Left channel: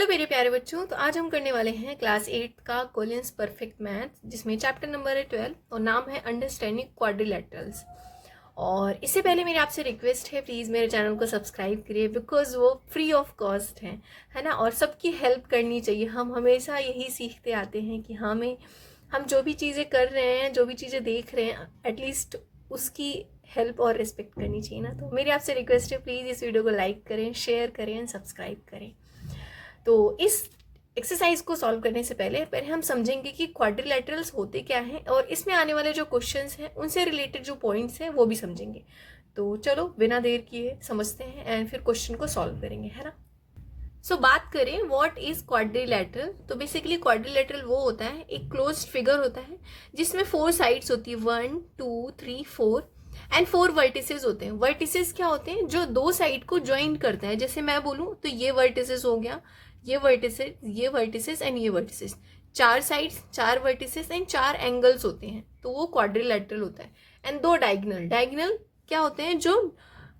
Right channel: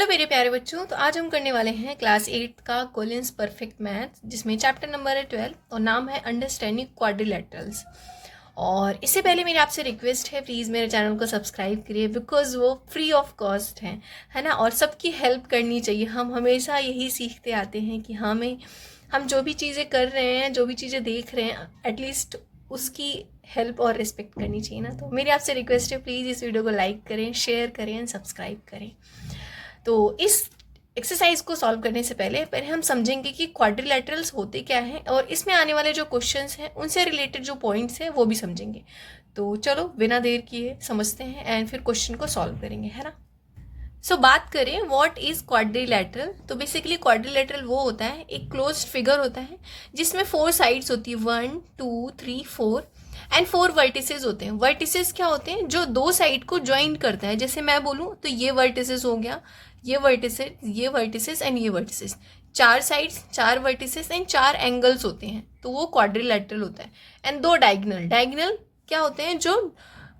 Hello मेरे प्यारे बच्चों। तो आज हम करने वाले हैं क्लास 8 का कोलिन्स परफेक्ट मैथ, जिसमें चैप्टर नंबर है 12 और नाम है अंडरस्टैंडिंग क्वाड्रिलेटरल्स। और इससे पहले मेरी आपसे रिक्वेस्ट है, प्लीज़ मेरे चैनल को सब्सक्राइब करिए, बिकॉज वो फ्री ऑफ कॉस्ट है ना। और सबकी हेल्प करनी चाहिए। हम हमेशा यही सीखते आते हैं कि हम जो भी चीज़ें कर रहे हैं, जो भी चीज़ें देख रहे हैं, एटलीस्ट उसकी हेल्प और रिस्पेक्ट करनी चाहिए ना। तो मेरी आपसे रिक्वेस्ट है, प्लीज़ इस वीडियो को लाइक करें, शेयर करें एंड सब्सक्राइब करें। तो इस एक्सरसाइज को सॉल्व करने से पहले हम समझेंगे कि क्वाड्रिलेटरल्स होते क्या हैं, और इसमें आने वाले जो क्वेश्चंस हैं उनसे रिलेटेड जो पॉइंट्स हैं वो भी समझेंगे। तो चलो बिना देर किए समझते हैं एंड फिर क्वेश्चन को सॉल्व करेंगे, है ना। सो बात करें व्हाट इज क्वाड्रिलेटरल। तो बेसिकली क्वाड्रिलेटरल वो होता है, एक क्लोज्ड फिगर होता है जिसमें 4 साइड्स होती है, 1 2 3 4 एंड 4 वर्टिसेस होते हैं। वर्टिसेस क्या होते हैं? जो दो साइड को ज्वाइन करता है। जैसे मैं बोलूँ तो ये वर्टिसेस हो गया, ये वर्टिसेस एंड ये vertices. 4 sides, 4 vertices and 4 angles होते हैं, तो वो क्वाड्रिलेटरल होता है। And 2 diagonal. डायगोनल क्या होते हैं? जो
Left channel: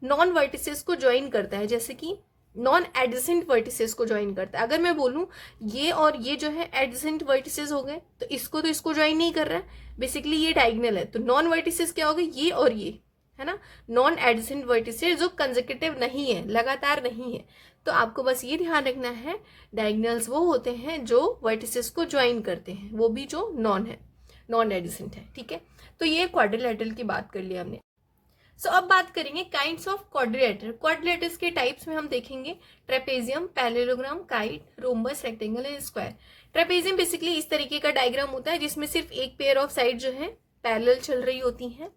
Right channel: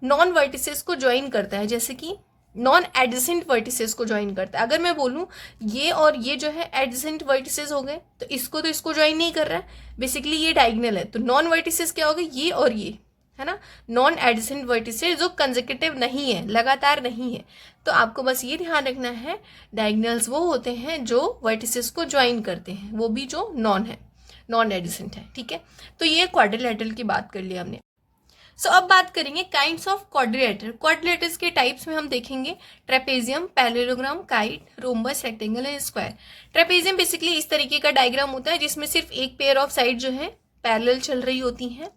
नॉन वर्टिसेस को ज्वाइन करता है, जैसे कि नॉन एडजेसेंट वर्टिसेस को ज्वाइन करता है। अगर मैं बोलूँ ये और ये जो है एडजेसेंट वर्टिसेस हो गए, तो इसको ज्वाइन नहीं कर रहा है, बेसिकली ये डायगोनल है। तो नॉन वर्टिसेस क्या हो गए? ये और ये, है ना। नॉन एडजेसेंट वर्टिसेस जो कंसेक्यूटिव नहीं है, लगातार नहीं है। तो आपको बस ये ध्यान रखना है, डायगोनल्स वो होते हैं जो वर्टिसेस को ज्वाइन करते हैं, वो भी जो नॉन एडजेसेंट है, ठीक है। तो ये क्वाड्रिलेटरल की बात कर लिया हमने। अब बात करेंगे काइंड्स ऑफ क्वाड्रिलेटर। क्वाड्रिलेटर्स के टाइप्स में हम देखेंगे trapezium, parallelogram, kite, rhombus, rectangle and square. Trapezium basically इस तरीके का डायग्राम होता है जिसमें सिर्फ एक पेयर ऑफ साइड जो है पैरेलल चल रही होती हैं,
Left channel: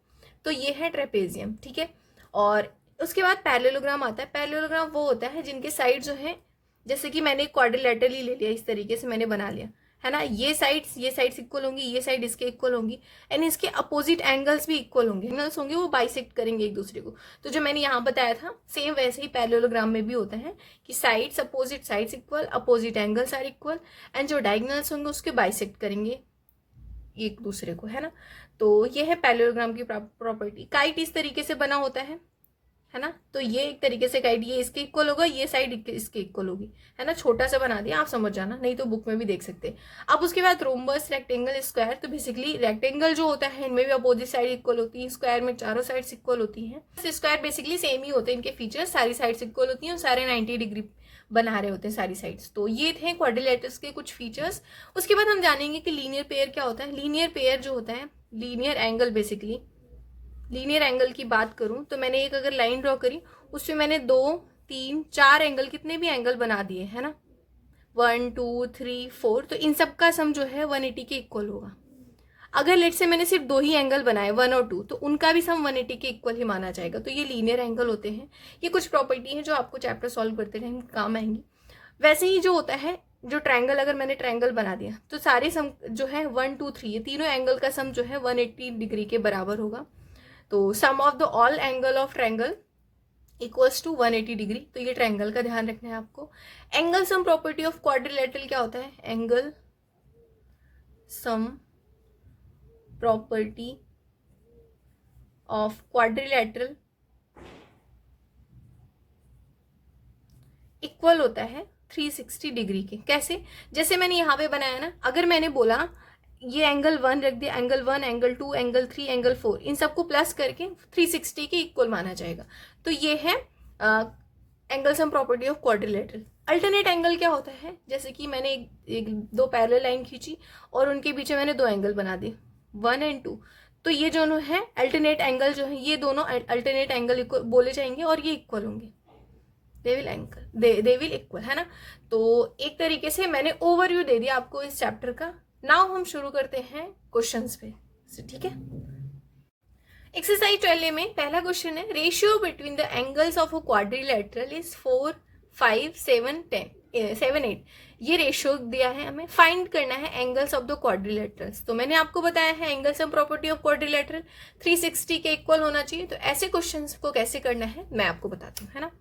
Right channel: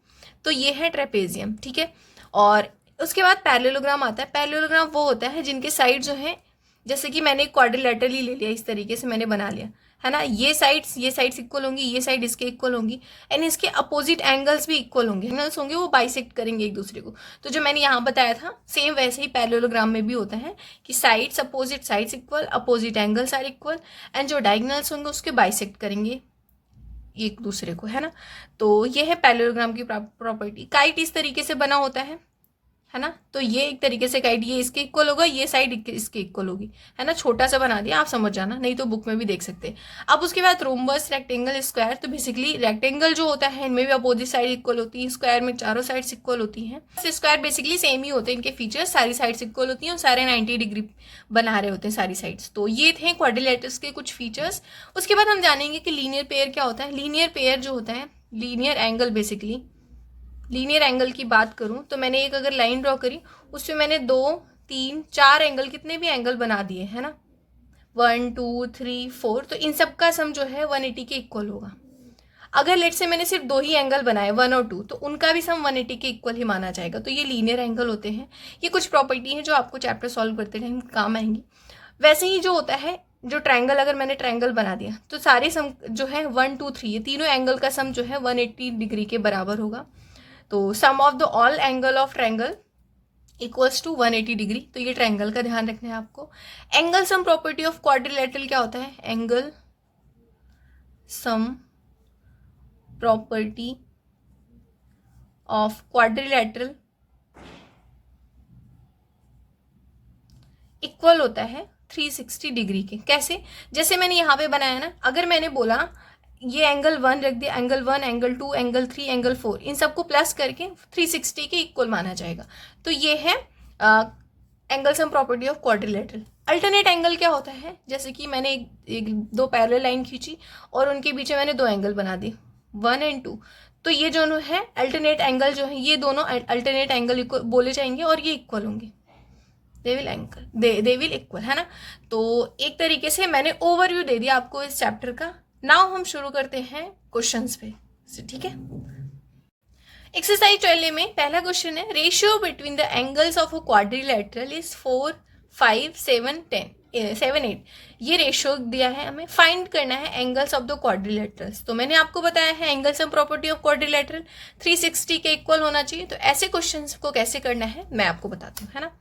तो ये है ट्रेपेजियम, ठीक है। और उसके बाद पैरेललोग्राम आता है। पैरेललोग्राम वो होता है जिनके साइड जो है, जैसे कि मैंने क्वाड्रिलेटरल ही ले लिया, इस तरीके से मैंने बना लिया, है ना। ये साइड्स इक्वल होंगी, ये साइड इसके इक्वल होंगी एंड इसके अपोजिट एंगल्स भी इक्वल होंगे। एंगल्स होंगे वो बाइसेक्ट करेंगे एक दूसरे को। तो जो मैंने यहाँ बताया था सेम वैसे ही पैरेललोग्राम में भी होता है कि sides, opposite sides equal, opposite angles are equal and जो डायगोनल्स होंगे उसके बाइसेक्ट करेंगे एक दूसरे को, है ना। तो ये है पैरेललोग्राम की प्रॉपर्टी। काइट इस तरीके से बना होता है ना। तो ये एक तरीके से गाइड, ये इसके इक्वल होगा, ये साइड इसके इक्वल होगी, है ना। छोटा सा बना दिया, आप समझ जाना, नहीं तो बुक में भी देख सकते हैं। अब उसके बाद रोम्बस, रेक्टेंगल, स्क्वायर। तो बेसिकली रेक्टेंगल जो होता है इनमें भी अपोजिट साइड इक्वल होती है, स्क्वायर में चारों साइड्स इक्वल होती हैं। स्क्वायर बेसिकली सेम ही होते हैं, इनके फीचर्स, सारी साइड्स इक्वल होती हैं और सारे 90 डिग्री बना रहे होते हैं सारी साइड्स। तो ये थे क्वाड्रिलेटर्स के कुछ फीचर्स। उसके बाद हम जानेंगे कि लीनियर पेयर क्या होता है। लीनियर पेयर जो होता है, linear angle, basically linear angle की बात करूं तो मैंने एक अगर लाइन ड्रॉ करी, उसमें मैंने 2 3 4 एंगल, कितने भी एंगल बना दिए, है ना, 1 2 3 4। तो इन सब का सम जो है 180 के इक्वल होगा। अगर लेट से मैंने सिर्फ 2 ही एंगल बनाए, 1 और 2, तो उनका भी सम 180 के इक्वल ही माना जाएगा। तो ये लीनियर एंगल होते हैं। ये कुछ प्रॉपर्टी है जो आपको चैप्टर सॉल्व करते टाइम काम आएंगी। वैसे ही जो होता है, जो ट्रायंगल, अगर मैंने ट्रायंगल बना दिया तो सारे सम जो है 1 2 3, ये तीनों एंगल का सम जो है 180 डिग्री के बराबर होगा। तो sum of the all angle of triangle equals to 180 degree. तो ये ट्रायंगल का ध्यान रखना है आपको। Angle sum property of quadrilateral क्या होता है? Angle sum property of quadrilateral equal होता है 360 डिग्री के। कैसे? जैसे मैंने यहाँ पे बनाया ना, अगर मैंने बोला ये एंगल 1 रख दिया, एंगल 1, एंगल 2, एंगल 3, एंगल 4, इन सबको प्लस करके 360 के इक्वल माना जाएगा। तो ये है angle sum property of quadrilateral. Alternate angle क्या होता है? जैसे कि मैंने एक 2 पैरेलल लाइन खींची और उनके बीच में मैंने 2 एंगल बना दिए, 1 एंड 2। तो ये दोनों है अल्टरनेट एंगल, जो है ये दोनों अल्टरनेट एंगल बोले जाएंगे और ये इक्वल होंगे, दे विल इक्वल, है ना। तो एक तरीके से मैंने ओवरव्यू दे दिया आपको इस चैप्टर का। नाउ हम शुरू करते हैं क्वेश्चंस पे, ठीक है। एक्सरसाइज 12 में पहला क्वेश्चन है, ratio between the angles of a quadrilateral is 4 5 7 10 7 8। ये रेशियो दिया है, हमें फाइंड करना है एंगल्स ऑफ द क्वाड्रिलेटरल्स। तो मैंने आपको बताया है angle sum property of quadrilateral 360 के इक्वल होना चाहिए। तो ऐसे क्वेश्चंस को कैसे करना है मैं आपको बताती हूँ, है ना।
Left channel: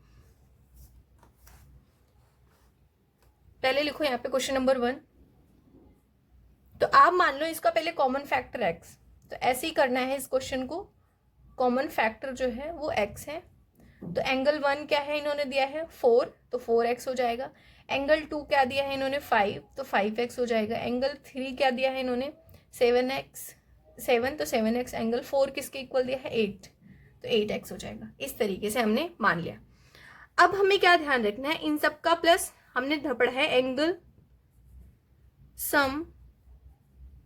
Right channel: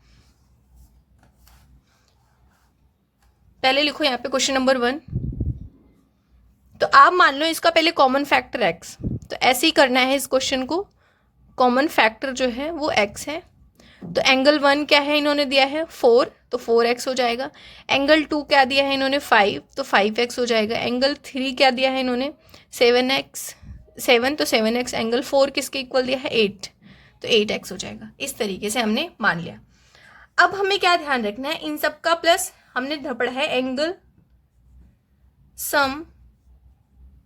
पहले लिखो यहाँ पे क्वेश्चन नंबर 1। तो आप मान लो इसका पहले कॉमन फैक्टर x, तो ऐसे ही करना है इस क्वेश्चन को। कॉमन फैक्टर जो है वो x है। तो एंगल 1 क्या है इन्होंने दिया है 4, तो 4x हो जाएगा। एंगल 2 क्या दिया है इन्होंने 5, तो 5x हो जाएगा। एंगल 3 क्या दिया है इन्होंने 7 तो 7x। एंगल 4 किसके इक्वल दिया है 8, तो 8x हो जाएगा। इस तरीके से हमने मान लिया। अब हमें क्या ध्यान रखना है, इन सब का प्लस हमने पढ़ा है angle sum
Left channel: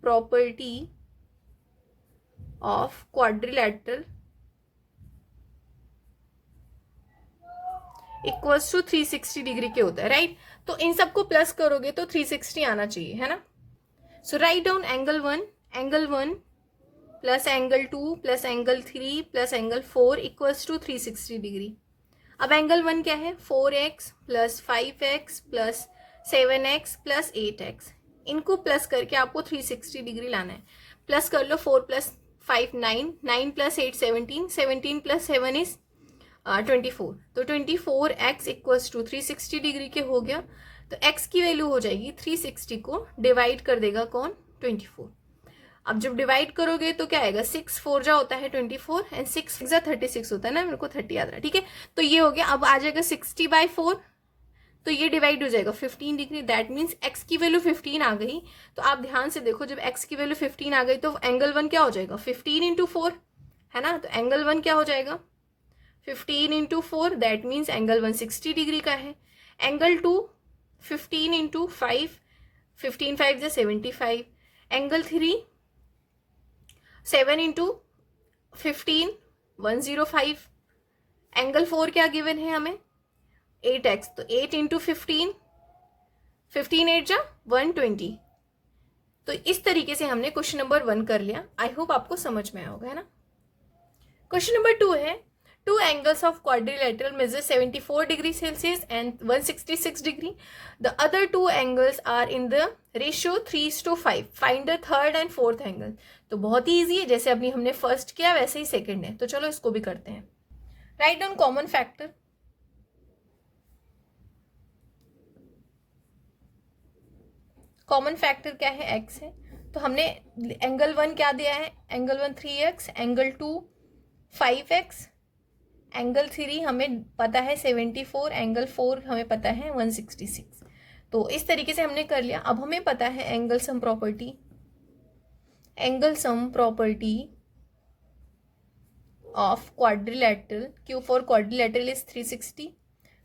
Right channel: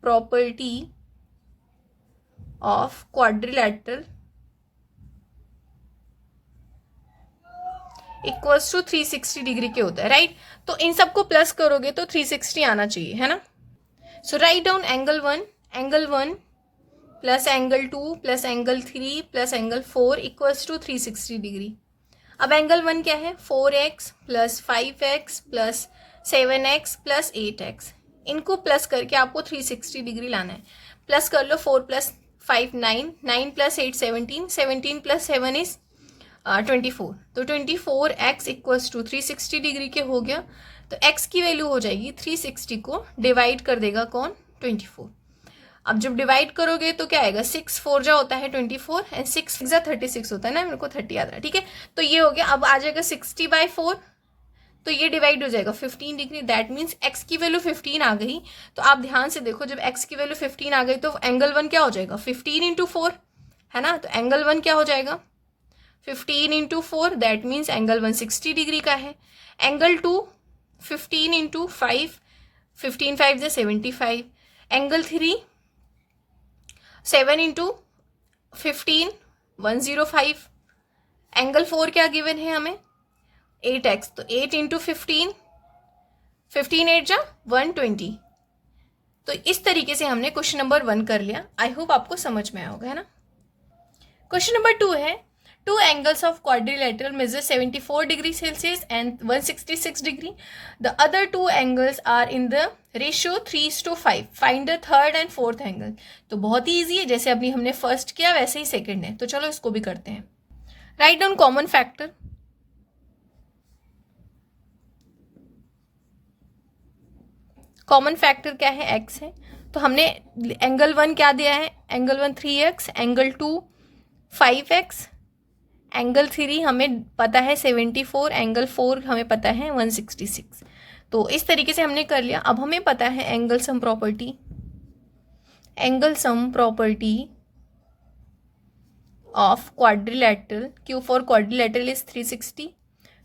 property of quadrilateral equals to 360 degree के होता है, राइट। तो इन सबको प्लस करोगे तो 360 आना चाहिए, है ना। So write down angle 1 plus angle 2 plus angle 3 plus angle 4 equals to 360 degree. अब एंगल 1 क्या है 4x plus 5x plus 7x plus 8x। इनको प्लस करके आपको 360 डिग्री लाना है। प्लस कर लो, 4 प्लस 5 9, 9 प्लस 8 17, 17 प्लस 7 इज 24। तो 24x इक्वल्स टू 360 डिग्री के हो गया। तो x की वैल्यू हो जाएगी 360 को डिवाइड कर देगा कौन 24। अब जब डिवाइड करोगे तो क्या आएगा 6 4 जा होता है 24 एंड 6 जा 36 होता है ना, मेरे को 30 याद रहा, ठीक है। तो ये हो गया। अब आ जाएगा 60/4, तो ये डिवाइड हो जाएगा 15 डिग्री। दैट मीन्स x की वैल्यू 15 आ गई। तो आप ध्यान से देखो, जब x की वैल्यू 15 आ गई तो एंगल 1 क्या हो जाएगा 15 इंटू 4, है ना। तो एंगल 1 क्या हो जाएगा 15 into 4, that means angle 1 60 degree का है। एंगल 2 15 इंटू 5, 15 5 जा 75। Angle 3 7 into 15 105। एंगल 4 क्या गिवन है हमें 8x, तो 8 इंटू 15, 15 8 जा 120। तो इस तरीके से हमने क्वेश्चन नंबर 1 कर लिया। आई होप आपको समझ में आया होगा, है ना। क्वेश्चन नंबर 2 है, two angles of quadrilateral measure 74 degree Celsius and 166 degree. The other two angles are in the ratio 3:5. Find the third and fourth angle. तो बहुत ही ईजी है, जैसे अभी हमने फर्स्ट किया वैसे ही सेकंड है। तो चलो इसको भी करते हैं। Write down common factor. Common factor क्या है x है। तो हमने एंगल 1 क्या दिया है, angle 1 3x, angle 2 5x, angle 3 हमें पता है 74, एंगल 4 हमें पता है 166। तो इस तरीके से हमने कर लिया। अब हमें पता है angle sum property, angle sum property of quadrilateral, Q for quadrilateral is 360।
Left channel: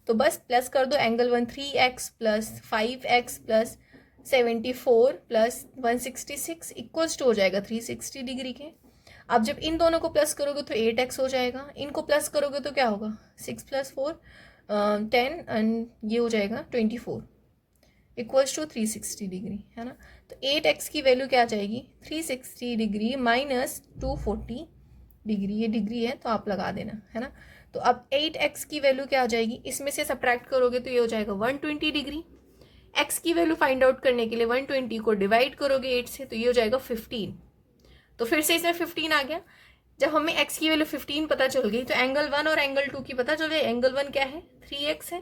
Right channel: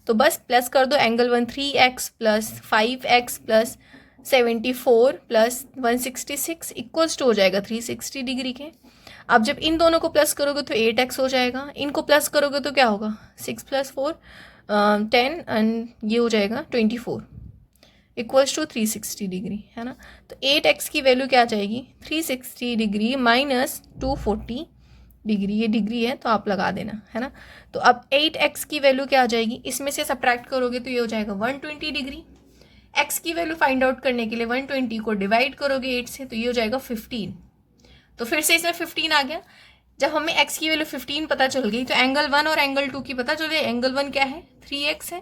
तो बस प्लस कर दो, angle 1 3x plus 5x plus 74 plus 166 equals to हो जाएगा 360 डिग्री के। अब जब इन दोनों को प्लस करोगे तो 8x हो जाएगा, इनको प्लस करोगे तो क्या होगा 6 + 4 10 एंड ये हो जाएगा 24 इक्वल्स टू 360 डिग्री, है ना। तो 8x की वैल्यू क्या आ जाएगी 360 डिग्री माइनस 240 डिग्री, ये डिग्री है तो आप लगा देना, है ना। तो अब 8x की वैल्यू क्या आ जाएगी, इसमें से सब्ट्रैक्ट करोगे तो ये हो जाएगा 120 डिग्री। x की वैल्यू फाइंड आउट करने के लिए 120 को डिवाइड करोगे 8 से, तो ये हो जाएगा 15। तो फिर से इसमें 15 आ गया। जब हमें x की वैल्यू 15 पता चल गई तो एंगल 1 और एंगल 2 की पता चल गई। एंगल 1 क्या है 3x है,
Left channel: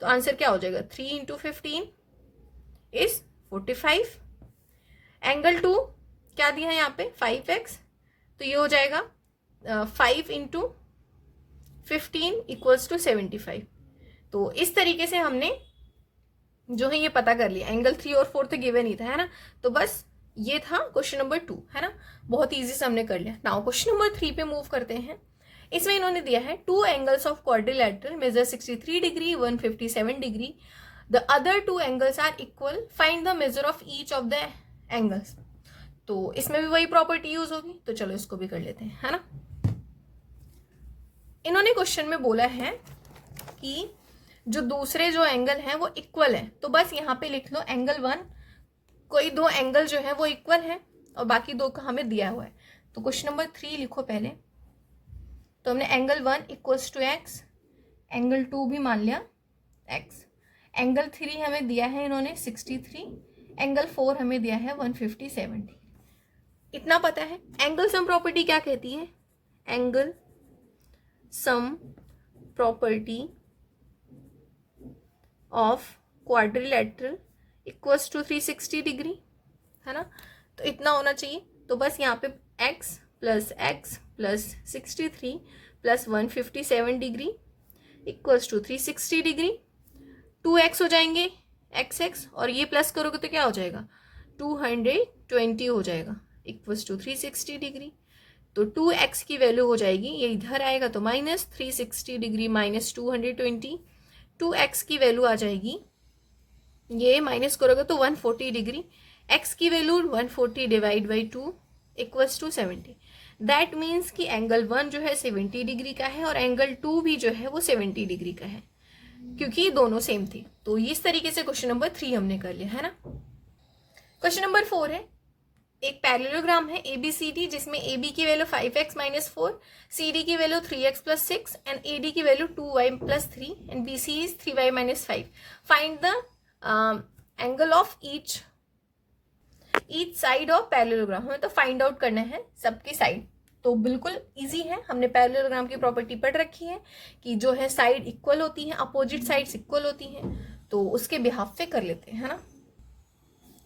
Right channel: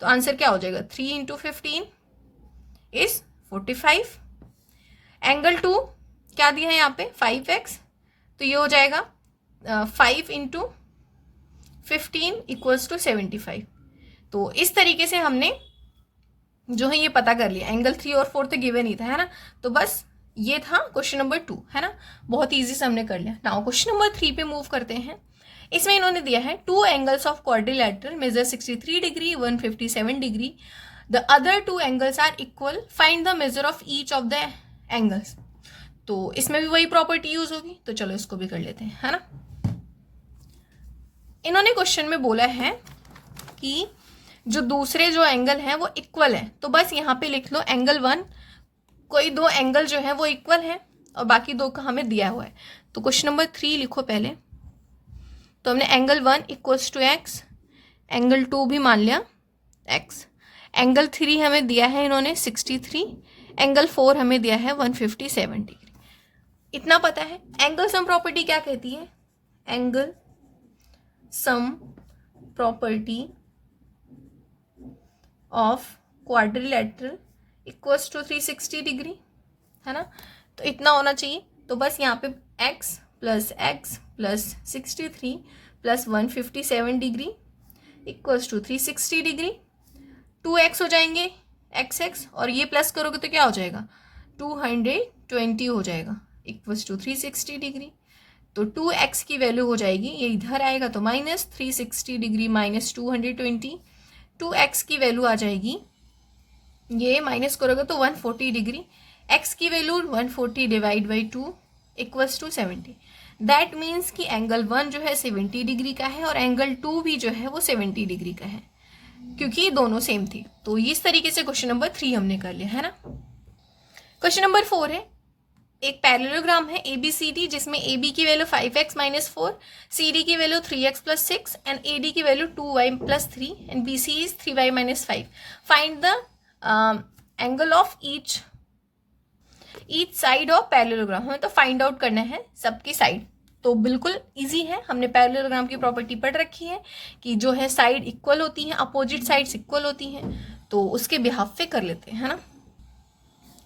तो आंसर क्या हो जाएगा 3 इंटू 15 इज 45। एंगल 2 क्या दिया है यहाँ पे 5x, तो ये हो जाएगा 5 इंटू 15 इक्वल्स टू 75। तो इस तरीके से हमने जो है ये पता कर लिया। एंगल 3 और 4 तो गिवन ही था, है ना। तो बस ये था क्वेश्चन नंबर 2, है ना। बहुत इजी से हमने कर लिया। नाउ क्वेश्चन नंबर 3 पे मूव करते हैं। इसमें इन्होंने दिया है two angles of quadrilateral measure 63 degree 157 degree. The other two angles are equal, find the measure of each of the angles. तो इसमें भी वही प्रॉपर्टी यूज होगी, तो चलो इसको भी कर लेते हैं, है ना। इन्होंने क्वेश्चन में बोला है कि जो दूसरे जो एंगल हैं वो इक्वल है। तो बस यहाँ पे लिख लो एंगल 1, कोई दो एंगल जो है वो इक्वल है और बाकी दो का हमें दिया हुआ है। तो क्वेश्चन नंबर 3 लिखो पहले। तो हमने angle 1 equals to x, angle 2 भी मान लिया x, एंगल 3 हमें दिया है इन्होंने 63, एंगल 4 हमें दिया है 157 डिग्री। इतना पता है। एंगल सम प्रॉपर्टी क्या कहती है, angle sum property of quadrilateral equals to 360 degree, है ना। तो इतना होना चाहिए। तो बस यहाँ पे x plus 63 plus 157 degree equals to 360 degree, 2x हो जाएंगे x और ये प्लस करोगे तो क्या हो जाएगा 220 हो जाएगा इक्वल्स टू 360 डिग्री। तो 2x की वैल्यू हो जाएगी, ये इधर आएगा तो माइनस 360 डिग्री माइनस 220, 2x की वैल्यू आ जाएगी, ये माइनस करोगे तो 140 डिग्री, x की value 140 divide by 2 equals to 70। That means कि एंगल 1 जो है 70 डिग्री का है और एंगल 2 भी जो है वो 70 डिग्री का है, क्योंकि दोनों सेम थे। तो इस तरीके से क्वेश्चन नंबर 3 हमने कर लिया है ना। क्वेश्चन नंबर 4 है, एक पैरेललोग्राम है ABCD जिसमें AB की वैल्यू 5x माइनस 4, CD की value 3x plus 6 and AD की value 2y plus 3 and BC is 3y minus 5। Find the angle of each side of parallelogram. हमें तो फाइंड आउट करना है सबकी साइड। तो बिल्कुल इजी है, हमने पैरेललोग्राम की प्रॉपर्टी पढ़ रखी है कि जो है साइड इक्वल होती हैं, अपोजिट साइड्स इक्वल होती हैं, तो उसके बिहाफ पे कर लेते हैं, है ना।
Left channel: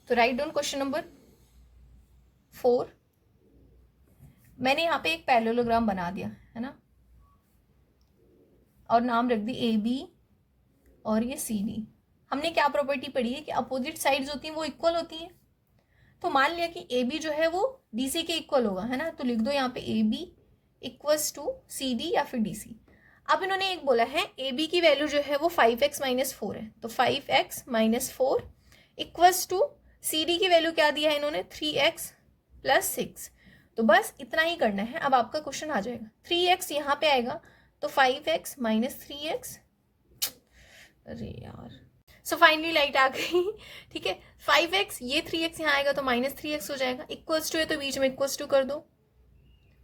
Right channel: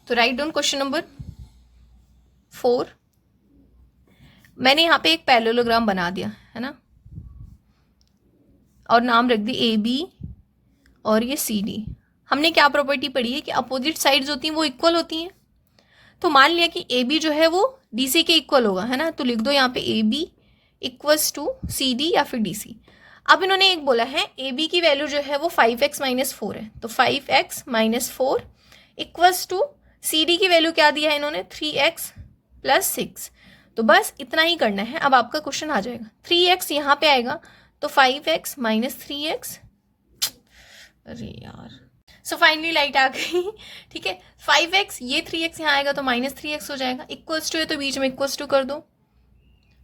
तो राइट डाउन क्वेश्चन नंबर 4। मैंने यहाँ पे एक पैरेललोग्राम बना दिया है ना, और नाम रख दी AB और ये CD। हमने क्या प्रॉपर्टी पढ़ी है कि अपोजिट साइड्स होती हैं वो इक्वल होती हैं। तो मान लिया कि AB जो है वो DC के इक्वल होगा, है ना, तो लिख दो यहाँ पे AB इक्वल्स टू CD या फिर DC। अब इन्होंने एक बोला है AB की वैल्यू जो है वो 5x माइनस 4 है, तो 5x minus 4 equals to CD की वैल्यू क्या दिया है इन्होंने 3x प्लस 6। तो बस इतना ही करना है। अब आपका क्वेश्चन आ जाएगा 3x यहाँ पे आएगा तो 5x माइनस 3x, अरे यार। सो फाइनली लाइट आ गई, ठीक है। 5x, ये 3x यहाँ आएगा तो माइनस 3x हो जाएगा, इक्वल्स टू है तो बीच में इक्वल्स टू कर दो,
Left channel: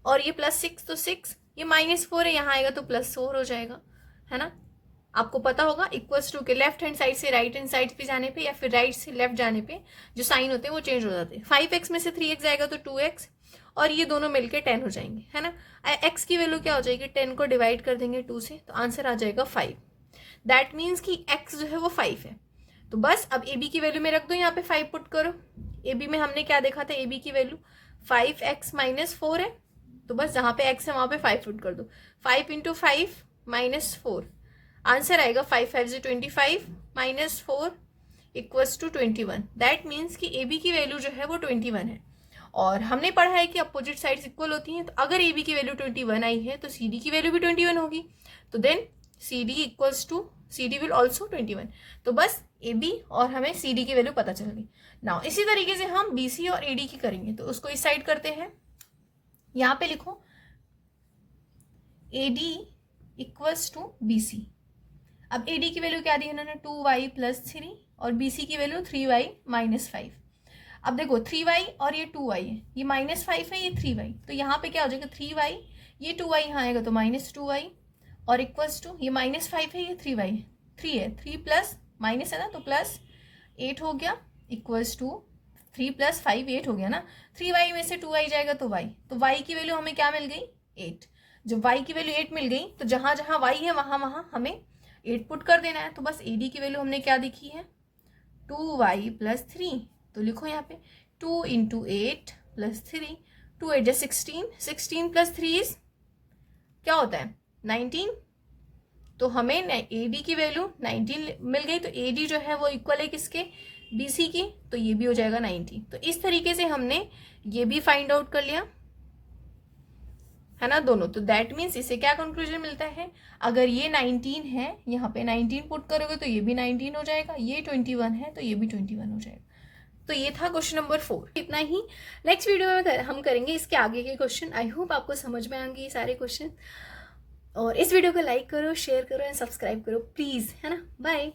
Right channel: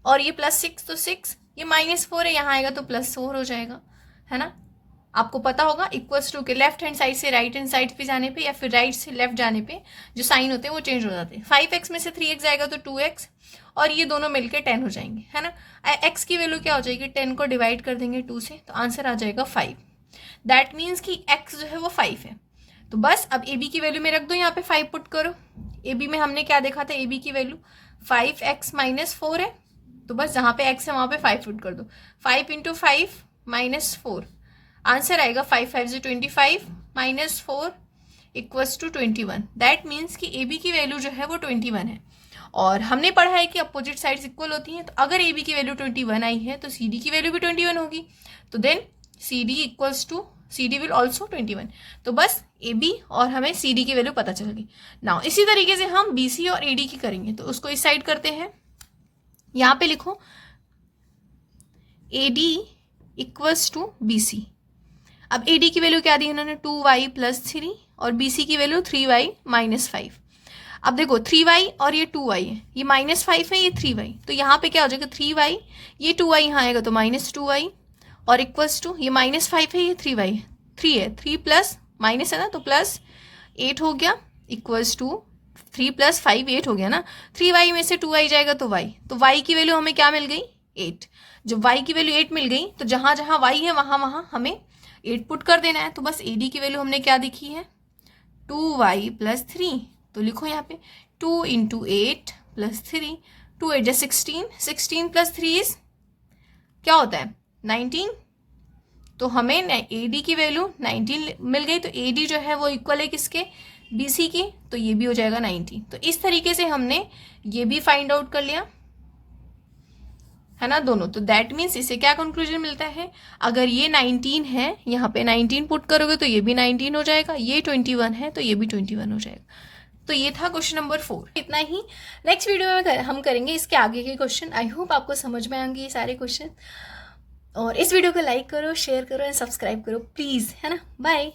और ये प्लस 6 तो 6, ये माइनस 4 है यहाँ आएगा तो प्लस 4 हो जाएगा, है ना। आपको पता होगा इक्वल्स टू के लेफ्ट हैंड साइड से राइट हैंड साइड पे जाने पे या फिर राइट से लेफ्ट जाने पे जो साइन होते हैं वो चेंज हो जाते हैं। 5x में से 3x आएगा तो 2x, और ये दोनों मिलकर 10 हो जाएंगे, है ना। x की वैल्यू क्या हो जाएगी, 10 को डिवाइड कर देंगे 2 से, तो आंसर आ जाएगा 5। दैट मीन्स कि x जो है वो 5 है। तो बस अब AB की वैल्यू में रख दो, यहाँ पे 5 पुट करो। AB में हमने क्या देखा था, AB की वैल्यू 5x माइनस 4 है, तो बस जहाँ पे x है वहाँ पे 5 पुट कर दो। 5 इंटू 5 माइनस 4, आंसर आएगा 5 5 से 25 minus 4 equals to 21। That means कि AB की वैल्यू जो है वो 21 है। और हमने पढ़ा है कि अपोजिट साइड्स इक्वल होती हैं, तो अगर AB की वैल्यू 21 आई है तो CD की वैल्यू भी 21 होगी, तो then CD equals to CD will also 21। तो बस AB और हमें CD की वैल्यू पता चल गई। नाउ इसी तरीके से हम BC और AD की करेंगे, तो उसको इस साइड करते हैं। यहाँ पे लिखो AD इक्वल्स टू BC। अब AD की वैल्यू क्या दी इन्होंने 2y प्लस 3 और BC की वैल्यू 3y माइनस 5। अब देखो 3y और ये 2y है, ये माइनस 5 है, ये 3y, तो यहाँ पे क्या हो जाएगा 3y, ये 2y यहाँ आएगा तो माइनस 2y, और इक्वल्स टू ये माइनस 5 है, ये 3y है, 3 है, 3 प्लस माइनस है ना तो प्लस 8 हो गया, इक्वल्स टू 3 प्लस 5 8 हो गया ना। 3y में से 2y जाएगा तो y, तो y की वैल्यू हमें क्या मिल गई 8। जब y की वैल्यू 8 मिल गई तो जहाँ जहाँ y है वहाँ वहाँ हमें 8 पुट कर देना है। तो बस AD की वैल्यू हमने क्या देखी है 2y प्लस 3, तो लिखो यहाँ पे 2 इंटू 8 प्लस 3, 2 8 16, 16 प्लस 3 इज क्या होता है 19। तो हमें AD की वैल्यू 19 मिल गई, तो AD जो है वो इक्वल है किसके BC की, तो ये भी हो जाएगा 19। तो इस तरीके से हमने ये भी फाइंड आउट कर लिया, है ना, दोनों। तो दैट मीन्स इससे क्या कंक्लूजन मिलता है, अगर ये 19 है यहाँ पे 19 पुट करोगे तो ये भी 19 हो जाएगा, ये 21 है तो ये भी 21 हो जाएगा। तो ये था क्वेश्चन नंबर 4। इतना ही, नेक्स्ट वीडियो में हम करेंगे इसके आगे के क्वेश्चन। आई होप आपको समझ में आएंगे ये सारे क्वेश्चन, और इस वीडियो को लाइक करो, शेयर करो एंड सब्सक्राइब करो प्लीज़, है ना। बाय।